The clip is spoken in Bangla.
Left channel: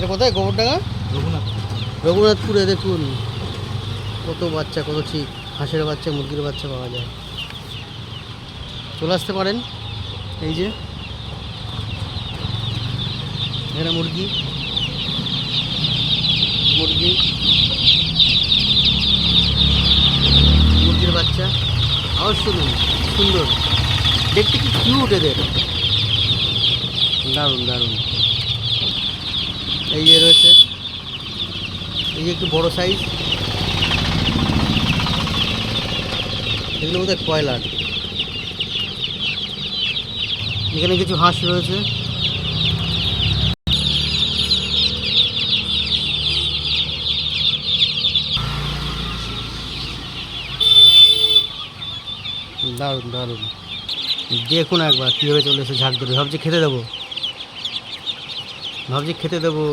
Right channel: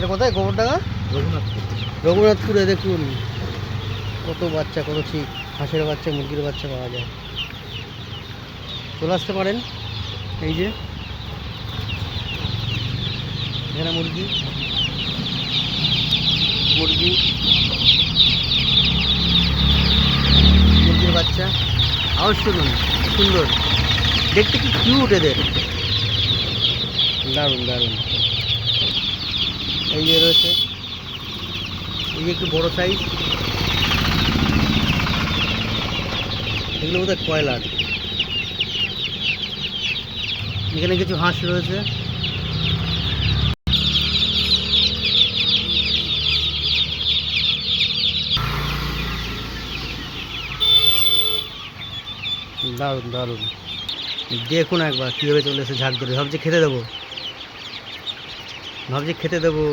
এটা কোথায়? গোবরডাঙ্গা রঘুনাথপুর। রঘুনাথপুরে দেখুন কত বাচ্চা, কত ঠিক হাঁসের বাচ্চা, মুরগির বাচ্চা পাওয়া যায়। চলে আসতে পারেন। এই যে এখানে মুরগি মুরগি মুরগির বাচ্চা। আওয়াজ শুনুন, সুন্দর দেখতে, কি কিউট এদের, দারুণ দারুণ। এই যে রয়েছে, এই যে একটু বড় সাইজ, এগুলো বোধহয় কয়লার। এখানে কিছু হাঁস রয়েছে। দারুণ দারুণ, দেখুন একবার কীভাবে চলে এসে ঝাঁক ধরে। ভাবছি খেতে দেবো,